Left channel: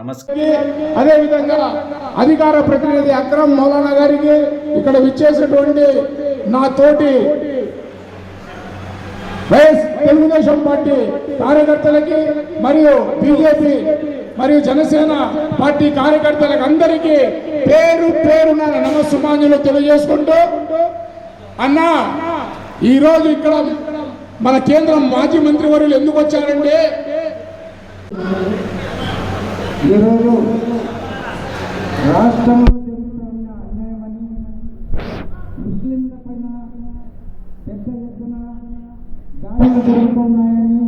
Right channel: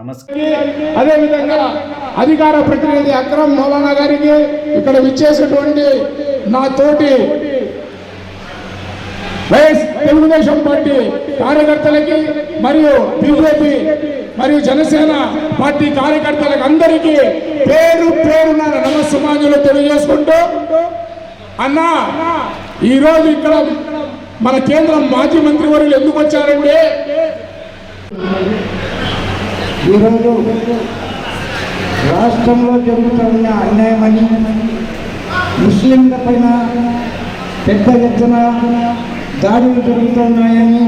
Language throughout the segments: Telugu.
నమస్కారం. అదేవిధంగా అధికార ప్రతినిధి అక్రమ్ మౌలానా గారికి ఇక్కడ విచ్చేసినటువంటి నా తోటి వైఎస్ తెలుగుదేశం పార్టీ కార్యకర్తలకి మరియు బీజేపీ మరియు జనసేన పార్టీ కార్యకర్తలకు అందరికీ పేరు పేరున నమస్సుమాన్యులు తెలియజేసుకుంటూ అన్నా ఈరోజు ఇక్కడ మన కేంద్రం మాజీ మంత్రి వర్యులు ఎందుకు వచ్చారంటే ఈరోజు రాష్ట్రంలో జరుగుతున్న అన్యాయమని ముస్లింల పైన పెద్ద ఎత్తున దాడులు జరుగుతున్నాయని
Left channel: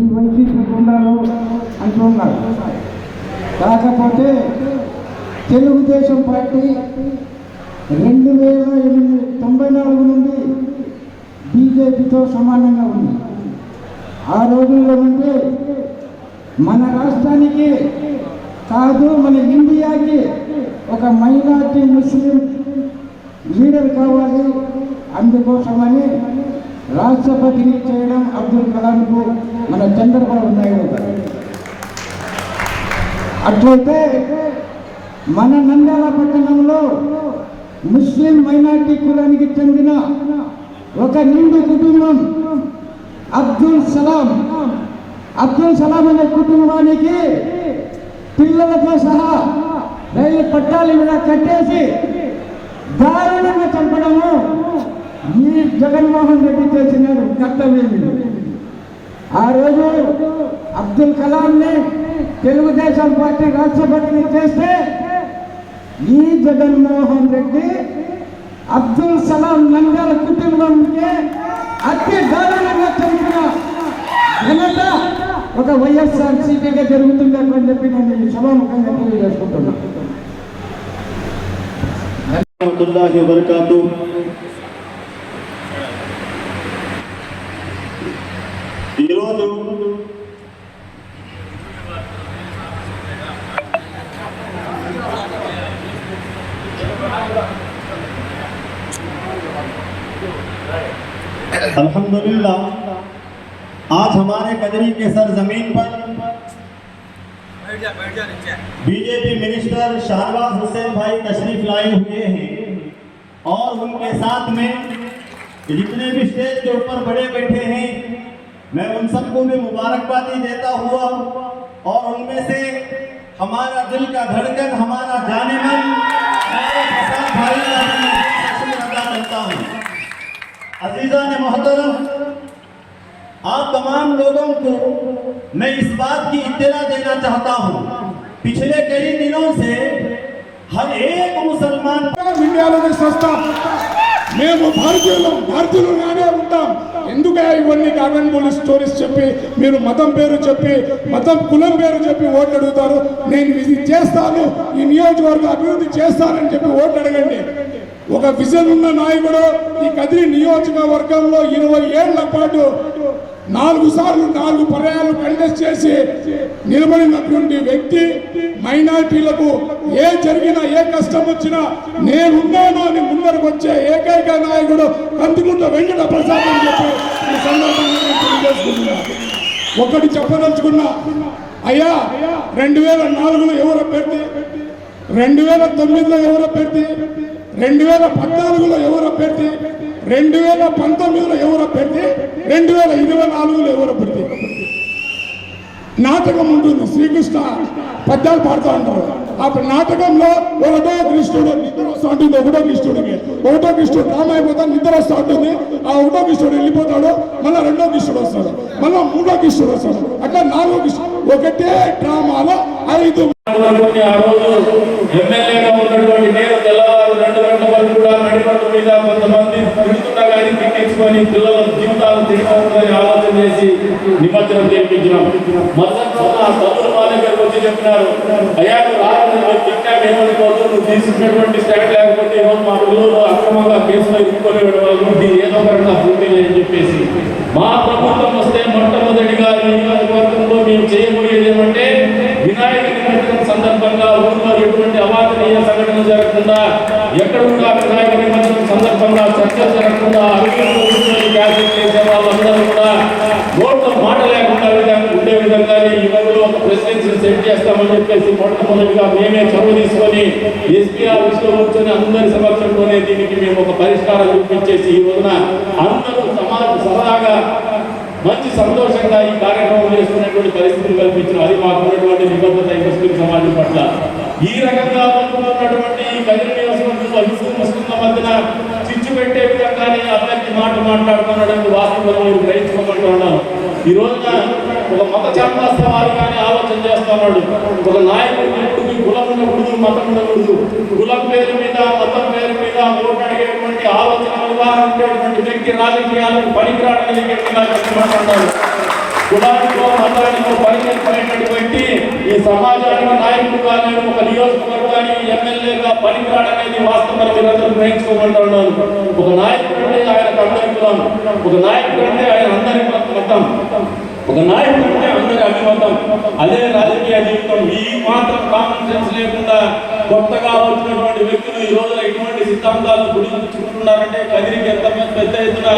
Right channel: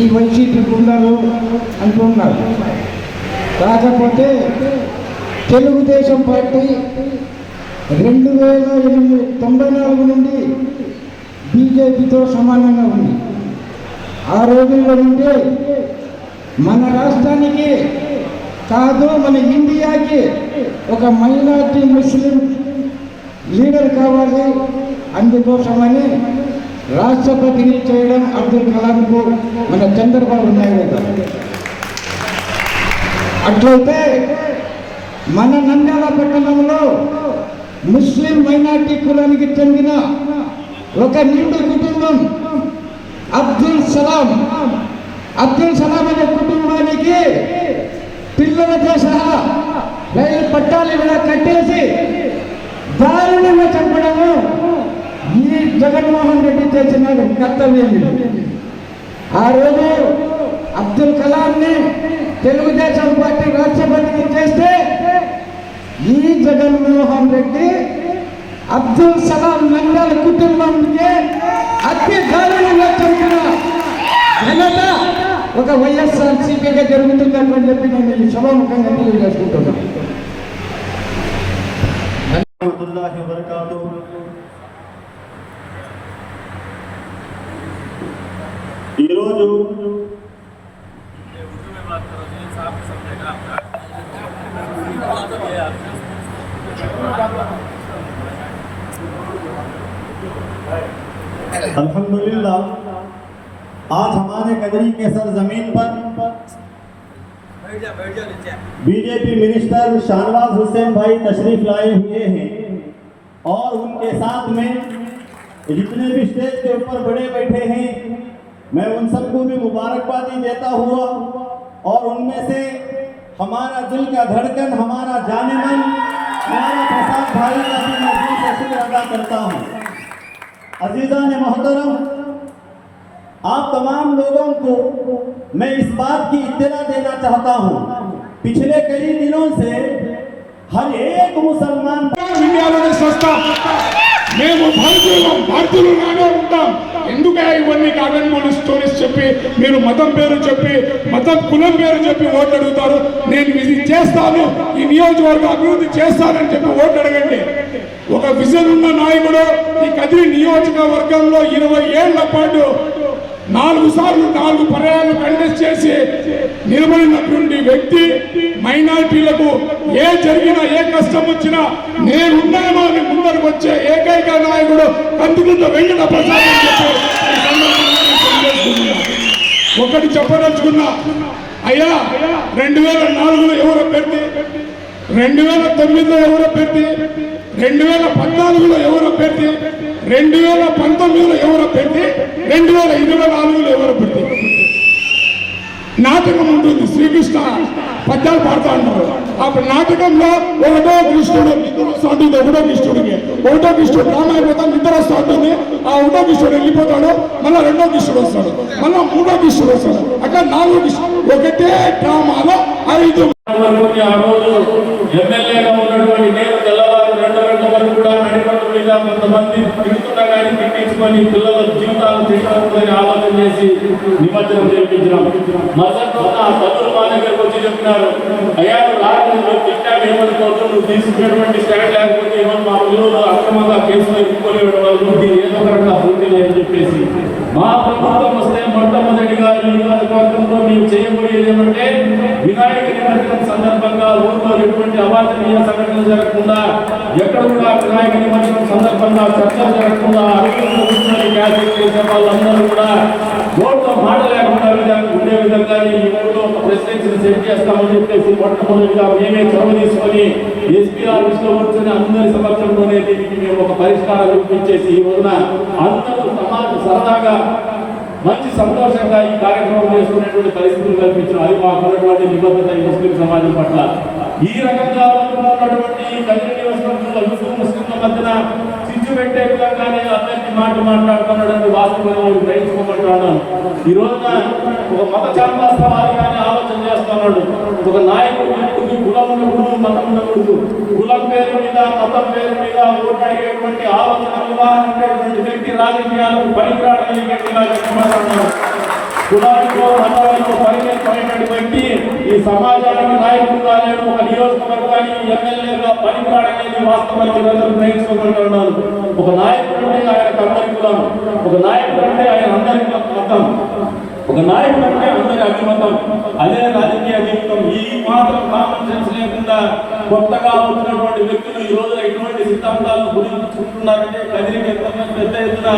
ఈ వైసీపీ గుండాలు అంటున్నారు. కాకపోతే తెలుగుదేశం పార్టీ రెండు వేల ఎనిమిది తొంభై నాలుగు నుండి బీజేపీతో సమానంగా ఉంది. ఆ రోజుల్లో నుండి మన రాష్ట్రానికి కాదు మన ఇండియాకి ఒక మైనార్టీ ముస్లిం లీడర్ కావాలి అందుకోసమని రాష్ట్రపతిని చేయడం అబ్దుల్ కలాంకు మన చంద్రబాబు నాయుడు గారు. అట్లయితే మన నంద్యాల పట్టణంలో ముస్లిం మైనార్టీ కులానికి చెందిన ఒక నిండు కుటుంబం అబ్దుల్ సలాం అబ్దుల్ కుటుంబానికి పిల్లలతో సహా రైలు పట్టాలు కూడా కట్టేసి దారుణంగా చంపడము ఈ జగన్మోహన్ రెడ్డి చేసిన కర్తవ్యం ఆ రోజు అబ్దుల్ కలాంని తెలుగుదేశం పార్టీ రాష్ట్రపతిని చేస్తే ఈ జగన్మోహన్ రెడ్డి అబ్దుల్ సలాం నందల కుటుంబంకి అతి దారుణంగా చంపిన జగన్ ఒక వైఎస్ఆర్సీపీగా జరుగుతుందని చెప్పి నేను సభాముఖంగా తెలియజేసుకుంటున్నాను ఈరోజు అల్హమ్దుల్లా आज हमारे कदरी के सर ज़मीन पर बीजेपी मिनिस्टर शाहनवाज हुसैन भाई तशरीफ़ लाए हुए हैं और उनके साथ में जितने भी स्टेज के ऊपर बड़े बैठे हैं मैं उन सबको भी मुबारकबादी देता हुआ और उनमें से हमारा दिल का धड़कन हमारा जाने मन करता हूँ। अजीजा ने मोहतरम आप तमाम लोगों को मैं इस बात की इत्तला देना चाहता हूँ पिछले कई दिनों से हर एक मुसलमान ఇండియాలోనే చేస్తాం మేము భారతీయులు భారతీయులుగానే ఉంటాం ఎందుకే ఇవన్నీ కాగన్మూలి స్టోరీస్ చెప్పి మీరు మతం పేరు చెప్పి మతం కులం పేరు చెప్పి ఓట్లు అడుగుతారు నేను ఇది చేస్తాను ఈ నియోజకవర్గం అభివృద్ధి చేస్తానని చెప్పి ఓట్లు అడగండి ఒక విజన్ ఉన్న నాయకుడు ఈ కదిరి నియోజకవర్గంలో ఇరవై ఏళ్ల పాటు నాలుగు సార్లు నాలుగు పర్యాలు కంటెస్ట్ చేసి నిలబడినటువంటి వ్యక్తి మైనార్టీలకు ఏ జరిగినా ఏ కష్టం వచ్చినా నేనున్నాను అని ముందరకు వచ్చే ఏకైక నాయకుడు కందుకుంట వెంకట ప్రసాద్ అని చెప్పి ఒకటి చెప్పదలుచుకున్నా అయ్యా రెండు వేల నాలుగులో ఎవరు అభ్యర్థి? రెండు వేల తొమ్మిదిలో ఎవరు అభ్యర్థి? రెండు వేల పద్నాలుగులో ఎవరు అభ్యర్థి? రెండు వేల పంతొమ్మిదిలో ఎవరు పెడితే రెండు వేల ఇరవై నాలుగులో ఎవరు పెడితే? నాటకం ఉంటుంది శ్రీకృష్ణ పద్యాలు పాడుతూ ఉంటారు అప్పుడు నాటకంలో ఒకటో కృష్ణుడు నిద్ర వస్తూ ఉంటుంది ఒకటో కృష్ణుడికి. ఒకటో కృష్ణుడు రామ అయిపోతాడు నిద్ర వస్తూ ఉంటుంది ఆ ఒకటో కృష్ణుడు వెళ్ళిపోతాడు మళ్ళీ రెండో కృష్ణుడు వస్తాడు మళ్ళీ మూడో కృష్ణుడు వస్తాడు అక్కడ నాలుగో కృష్ణుడు. ఒకటే డ్రామాలో ఐదు ఎమ్మెల్యేగా ఉన్నటువంటి నేను తెల్లవారు రెండు గంటల కూడా కొంతమంది తిరుగుతున్నా పిల్లల జీవితాలు తీసుకొని ఆలోచన చేసి నిమజ్జనం చేయించినాం మరుసటి సదా తల్లులు మా దగ్గరకు వచ్చి చెప్పినారు అయ్యా రాత్రి తీసుకున్నటువంటి స్టాండ్ లేకపోతే ఏమో మా పిల్లలు అక్రమంగా కేసులో ఎదుర్కొని ఏదో ఒకటి పూర్తి అని చెప్పేసి. మా ప్రభుత్వం మొట్టమొదటిగా మేమే చొరవ తీసుకొని ఎస్పీఆర్ ఆఫీస్లో కూర్చొని అందరి సమక్షంలోనే దీనికి మేము ఒక పరిష్కారం చూపించేసి ఈ రోజున అందరూ సమాజ సరదాగా మంచి సంతోషంగా ఈ కార్యక్రమం చేస్తున్నటువంటి పరిస్థితులు కల్పించడం అది మాకు ఉన్నటువంటి నిబద్ధత ఈ ముస్లిం సమాజం పట్ల. ఈ రకంగా ఉన్నటువంటి కదిరి నియోజకవర్గంలో ముస్లిం ముస్లింల మధ్యన చిచ్చు పెట్టే విధంగానే ఈ అభ్యర్థి మాట మాట్లాడుతున్నాడని వాస్తవం నేను గ్రహించుకోమంటున్నాను ఈ రోజున ఒక మత చాందాస్తావాదిగానే ఆలోచన చేస్తున్నాడు. ఒక నాయకుడు ఎప్పుడు కులం మతం ఉండకూడదు కులం పేరు మీద మతం పేరు మీద ఓటు అడిగేటువంటి ఆలోచన ఉండేటువంటి వ్యక్తి రాజకీయాలకు పనికిరాడని గట్టిగా చెప్పబడుతున్నాడు కులానికో మతానికో పనిచేసుకునేటటువంటి ఈ సమాజానికి నాయకుడుగా నేను ఒక నియోజకవర్గానికి ఎమ్మెల్యేగా పనికిరాడనేది వాస్తవంగా మీరందరూ గ్రహించుకోగలుగుతున్నాను ఒక నాయకుడు అంటే ఆయన కమ్మని కులం ఒక నాయకుడు అంటే ఆయన అందరి మతం. ఒక నాయకుడు అంటే అందరి అభిమతం. అదే రాజకీయ జీవితం. ఈ మాత్రం కామన్ లేకుండా కొత్తగా వచ్చినటువంటి వ్యక్తులు ఈ రోజు ఎటువంటి సిద్ధాంతాలను గురించుకుంటున్నారంటే కదిరి ఎంత పెద్ద ఎత్తున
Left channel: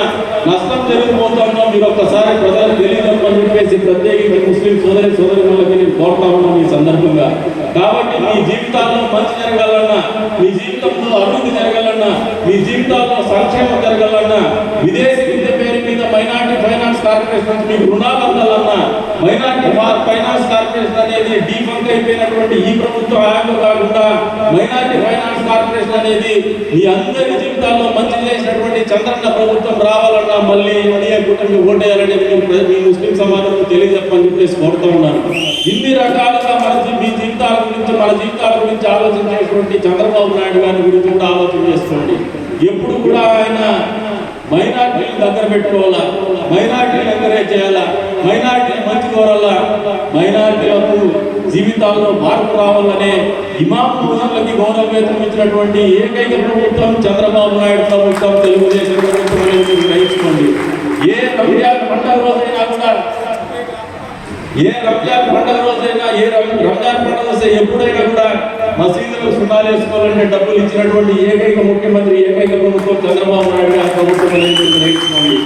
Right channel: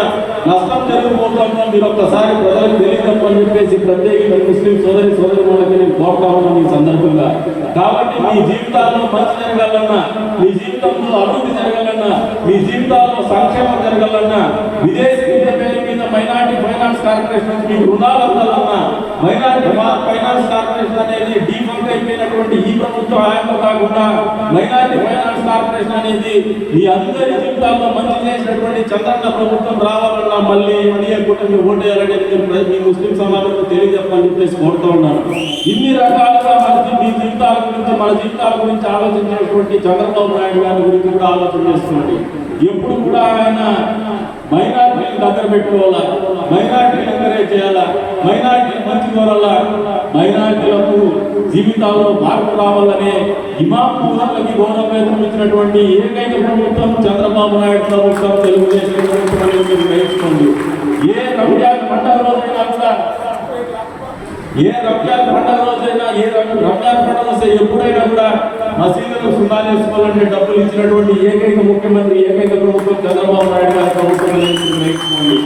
నష్టం జరిగిపోతుందో మీరు ఒక్కసారి ప్రజలకు తెలియదు అని చెప్పేసి ప్రత్యేకంగా ముస్లిం సోదరి సోదరి నేను కోరుతా ఉన్నాను ఈ సందర్భంగా. కాబట్టి మీ జీవితాల్లో మంచి జరగాలన్నా మీ జీవితంలో అభివృద్ధి జరగాలన్నా మీ జీవితాల్లో సంక్షేమం జరగాలన్నా విదేశీ విద్య పేరు మీద మైనార్టీ ఫైనాన్స్ కార్పొరేషన్ మీకు రుణాలు అందాలన్నా మైనార్టీ ఫైనాన్స్ కార్పొరేషన్ అనేది డీఫాల్ట్ అయిపోయింది. ఈ ప్రభుత్వం అలాగే కాకుండా మైనార్టీ ఫైనాన్స్ కార్పొరేషన్ అనేది మీ అందరి జీవితాల్లో మంచి చేసినటువంటి చంద్రన్న ప్రభుత్వం రావాలన్నా మళ్ళీ ఎన్డీఏ కూటమి ఓటేయాలనేది మీ- ముస్లిం సమాజంలో తెలియజెప్పని చెప్పేసి కోరుతూ ఉన్నాను. ఇన్ని రకాలుగా మన మీ జీవితాల గురించి మన జీవితాల గురించి ఆలోచించేటువంటి చంద్రబాబు నాయుడు గారి గురించి కూడా ఆలోచన చేసుకోండి. ఎప్పుడు కూడా ఆయన మైనార్టీని దగ్గర పెట్టుకోవాలా? మైనార్టీని ఎంకరేజ్ చేయాలా? మైనార్టీని మంచి కోరాలా? మైనార్టీలకు జీవితాల్లో మార్పు రావాలనే ఇమాం ముస్లింలకి గౌరవ వేతనం ఇచ్చినటువంటి ఏకైక ప్రభుత్వం చంద్రబాబు నాయుడు ప్రభుత్వం తెలుగుదేశం ప్రభుత్వం గ్రహించుకోండి. ఏ రంజాన్ పండుగ రోజైనా కూడా ఏ రంజాన్ పండుగ రోజైనా ఏ రం- రంజాన్ పండుగ వస్తే ఎప్పుడైనా కూడా మసీదులు సుమారు వేసుకోవాలంటే డబ్బులు ఇచ్చినటువంటి ఏకైక ముఖ్యమంత్రి ఏకైక ప్రభుత్వం చంద్రబాబు నాయుడు గారి ప్రభుత్వం నేర్చుకోండి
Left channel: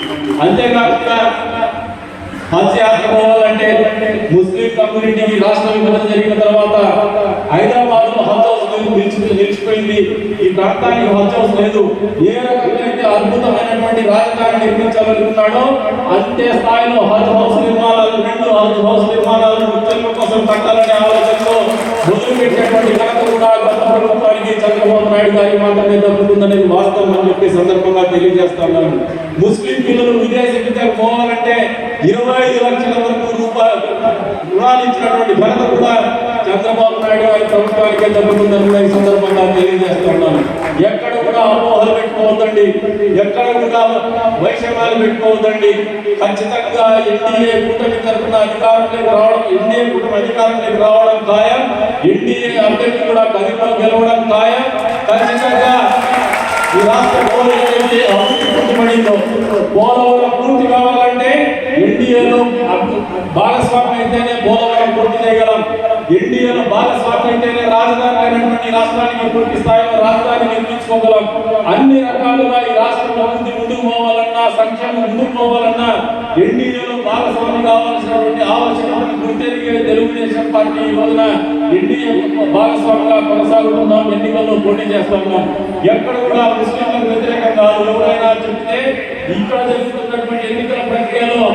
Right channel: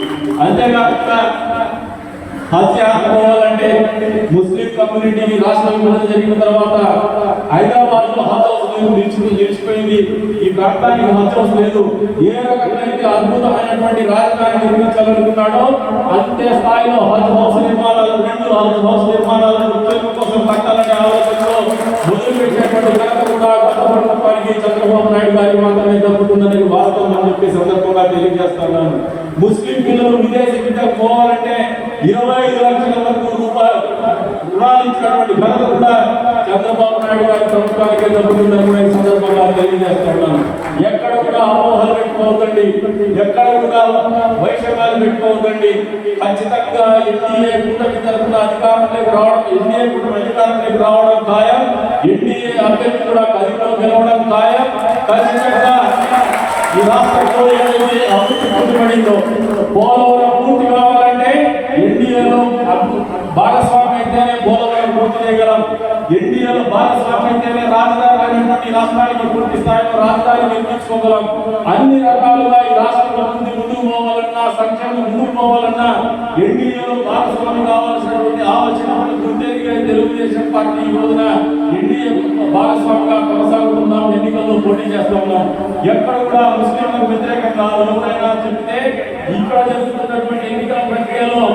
అంతేకాకుండా హజ్ యాత్ర అంటే ముస్లిం కమ్యూనిటీకి రాష్ట్ర విభజన జరిగిన తర్వాత హైదరాబాద్లో హజ్ హౌస్ లేదు, నిలిచి నిలిచిపోయింది ఈ ప్రాంతానికి హజ్ హౌస్ లేదు. ఏ రకంగా అద్భుతమైనటువంటి రాజధాని నిర్మించాలనుకున్నాడో అంతే స్థాయిలో హజ్ హౌస్ నిర్మాణాలు రెండు హజ్ హౌస్ నిర్మాణాలను ముస్లింల కోసం కట్టాలనే ఆలోచనలో మొదలు పెట్టినటువంటి ఘనత గత ప్రభుత్వానికి చంద్రబాబు నాయుడు గారి మాత్రమే దక్కుతుందనేది వాస్తవం అని చెప్పి సందర్భంగా తెలియజేస్తాను ముస్లిం పిల్లలు విదేశ విద్యకు పోవాలంటే ఇరవై ఐదు లక్షల వరకు రూపాయలు రుణాలు ఇచ్చినటువంటి ఘనత కూడా చంద్రబాబు నాయుడు గారి ప్రభుత్వానికి దక్కుతుందని ఈ సందర్భంగా తెలియజేస్తున్నాను ఎక్కడ కూడా అపోహలు పెట్టుకోవద్దండి ఎక్కడ కూడా వైషమ్యాలు పెట్టుకోవద్దండి. ఖచ్చితంగా ఎన్డీఏ కూటమి తరఫున అధికారంలోకి రావడం ఎన్డీఏ కూటమి అధికారంలోకి రావడం ఖాయం. ఎన్డీఏ అభ్యర్థి కూడా కదిలో గెలవడం ఖాయం. ఖచ్చితంగా ఈ రాష్ట్ర పోలవరం అభివృద్ధి పూర్తిపడిందో పోలవరం పూర్తి కావాలంటే ఎన్డీఏలో భాగస్వామి అయితేనే పోలవరం పూర్తి చేయగలం. ఎన్డీఏలో భాగస్వామి అయితేనే రాజధాని అయినటువంటి రాష్ట్రానికి పూర్తి స్థాయిలో రాజధాని నిర్మించుకోగలం. అన్ని రకాల సంక్షేమం ఎన్డీఏలో భాగస్వామి కావాల్సినటువంటి ఆలోచన గుర్తెరిగిన తెలుగుదేశం పార్టీ ఈ రోజున ఎన్డీఏ భాగస్వామిగా కొనసాగుతున్నాం ఎన్నికల్లో పోటీ చేస్తున్నాం ఎక్కడ కూడా ముస్లింలకు వ్యతిరేకంగా ఎవరైనా చెప్తే ఇక్కడ జరుగుతున్నటువంటి ఎన్నికల ప్రక్రియలో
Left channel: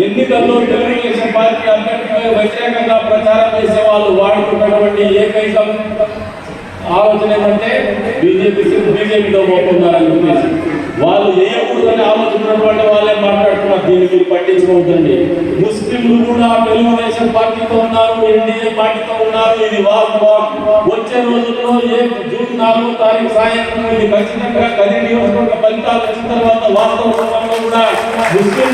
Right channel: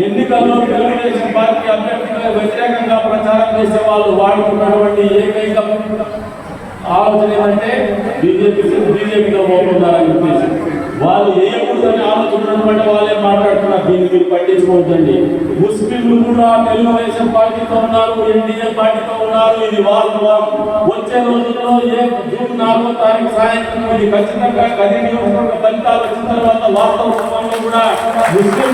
ఎన్నికల్లో తెలుగుదేశం పార్టీ అభ్యర్థికి వ్యతిరేకంగా ప్రచారం చేసే వాళ్ళు వాడుకున్నటువంటి ఏకైక ఆలోచన ఏంటంటే బీజేపీ బీజేపీలో పోకుండా వాళ్ళు ఏ ఆలోచించినటువంటి వాళ్ళే దీన్ని మీరు పట్టించుకోవద్దండి ముస్లింలు కూడా తెలుగుదేశం పార్టీతో ఉన్నారు ఎన్డీఏ పార్టీతో ఉన్నారు ఇది వాస్తవం. వచ్చే రోజుల్లో ఏ జూన్ నాలుగో తారీఖు సాయంత్రం ఇది ఖచ్చితంగా కలిగి ఫలితాలు వచ్చిన తర్వాత వాస్తవం సమయంలో కూడా ముస్లిం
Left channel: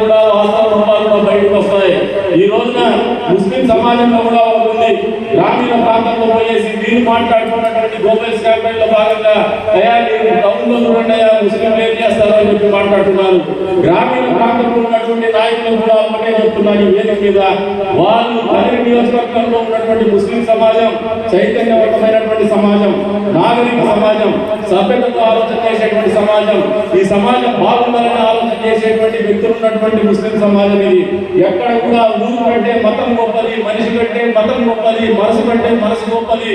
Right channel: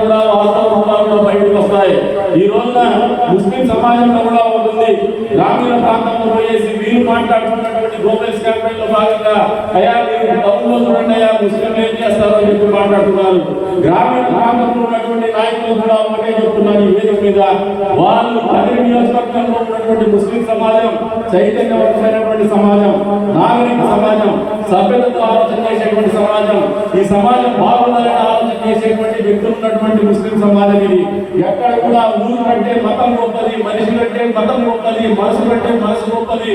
కూడా వాస్తవ సమాజంలో బయటకు వస్తాయి. ఈ రోజున ముస్లిం సమాజంలో కూడా ఉంటుంది గ్రామీణ ప్రాంతంలో పోయేసి మీరు మాట్లాడుతున్నటువంటి గోపేష్ క్యాంపెయిన్ లో భాగంగా అయ్యా మీరు టౌన్లో చూడండి ఏం చేస్తారో చెప్పి మాట్లాడుతున్నారు. గ్రామీణ ప్రాంతంలో ఉన్నటువంటి నాయకులు కూడా ఒకటే చెప్తున్నారు వేదిక మీద. వాళ్ళు ఉన్నటువంటి ముస్లిం సమాజం చైతన్యవంతమైనటువంటి సమాజం నాగరిక సమాజం సభ్యులతో ఆలోచన చేసేటువంటి సమాజం ఈ సమాజం బాగుండాలని ఆలోచన చేసేటువంటి వ్యక్తులు ఉన్నటువంటి ముస్లిం సమాజం ఇది. ఎక్కడ కూడా ఊరు కంటే మతం గొప్పది మనిషి కంటే మతం గొప్పది మనసు కంటే మనసు గొప్పది.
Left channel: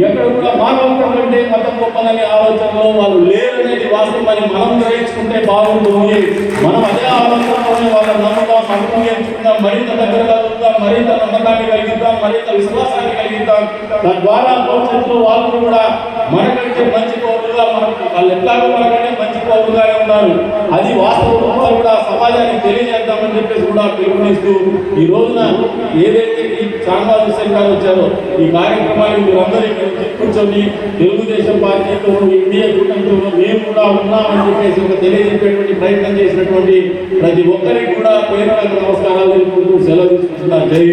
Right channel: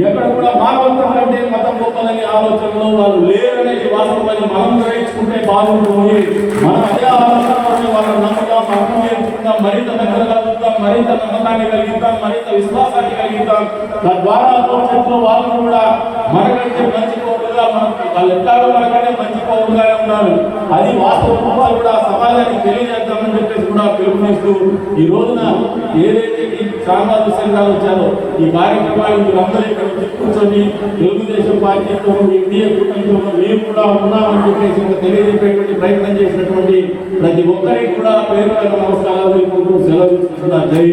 ఎక్కడ కూడా మానవత్వం కంటే మతం గొప్పదనే ఆలోచనలో వాళ్ళు లేరనేది వాస్తవాన్ని మనం గ్రహించుకుంటే బాగుంటుంది. మనం అదే ఆలోచన వాళ్ళ నమ్ముతాం నమ్మకం నేర్చుకుందాం మరింత దగ్గరగా మరింత నమ్మకాన్ని కలిగిద్దాం మరింత విశ్వాసాన్ని కలిగిద్దాం తద్వారా భవిష్యత్తులో వాళ్ళు కూడా మనకంటే మంచి పౌరులుగా వాళ్ళు ఎట్లాగో మనకంటే మంచి పౌరులుగా ఉన్నారు అది వాస్తవంలో కూడా సమాజానికి తెలియజేద్దామని చెప్పేసి కూడా పిలుపునిస్తూ ఈ రోజున ఏదైతే గ్రామాలు సంఘాలు వచ్చారు ఈ కార్యక్రమాన్ని మీరందరూ ఇక్కడ కూర్చొని తెలుగుదేశం పార్టీతో ఇండియా కుటుంబంలో మేము కూడా ఉన్నామని చెప్పేసి ఒక తెలియజెప్పేటువంటి ప్రయత్నం చేసినటువంటి ప్రతి ఒక్కరికి కూడా పేరు నమస్కారాలు సెలవు తీసుకుంటున్నారు జై